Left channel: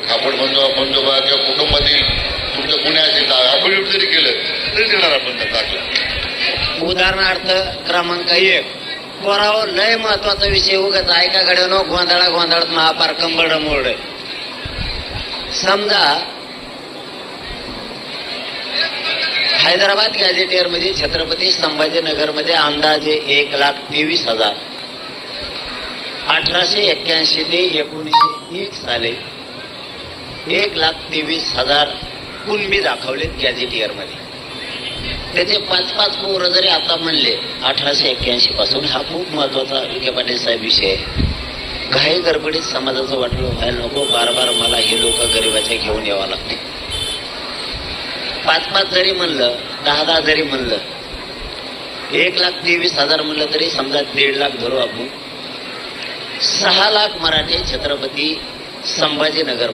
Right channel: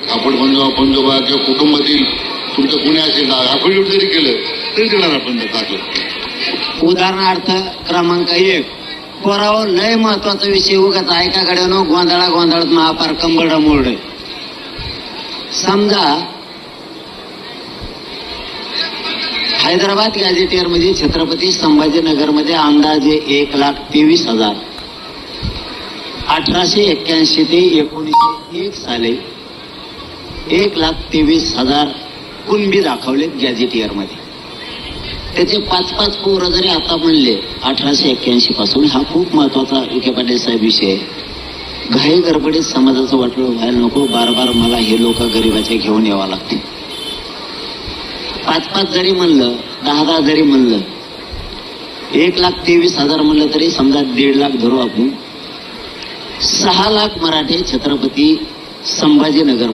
खापड बंधोबा किंवा कुटुंबातील तुमचं कोणी असेल अफिडेव्हिट जरी केलं तरी देणार आपण दाखलं. उदाहरणार्थ क्रमांक 1 पोरावर लय महत्वाचा विषय उगाच ऐकाकडे नो गोंधळात महापार कंबळ मोड. समजा हैदराबाद गॅझेटियर मध्ये छत्रपती संभाजीनगर मध्ये अंदाजे 1,23,000 1881 ते 1901 साली 1,23,000 कुणबी दाखवलेत गॅझेटियर मध्ये. त्याचे 5-5 पोरं जरी आता म्हणले 1881 पासून, हा खूप महत्वाचा विखे पाटील साहेब विषय आहे. घाई गडबडीत समाजाचं वाटलं व्हायला नको, बार मला हे लोक गरीबाचे घेऊन यावं लागते. 5-5 जरी म्हणलं, 10-10 जरी म्हणलं, 1,23,000 म्हणलं तरी समजा 1.5 लाख धरू आपण. 6 लाख मराठी छत्रपती संभाजीनगर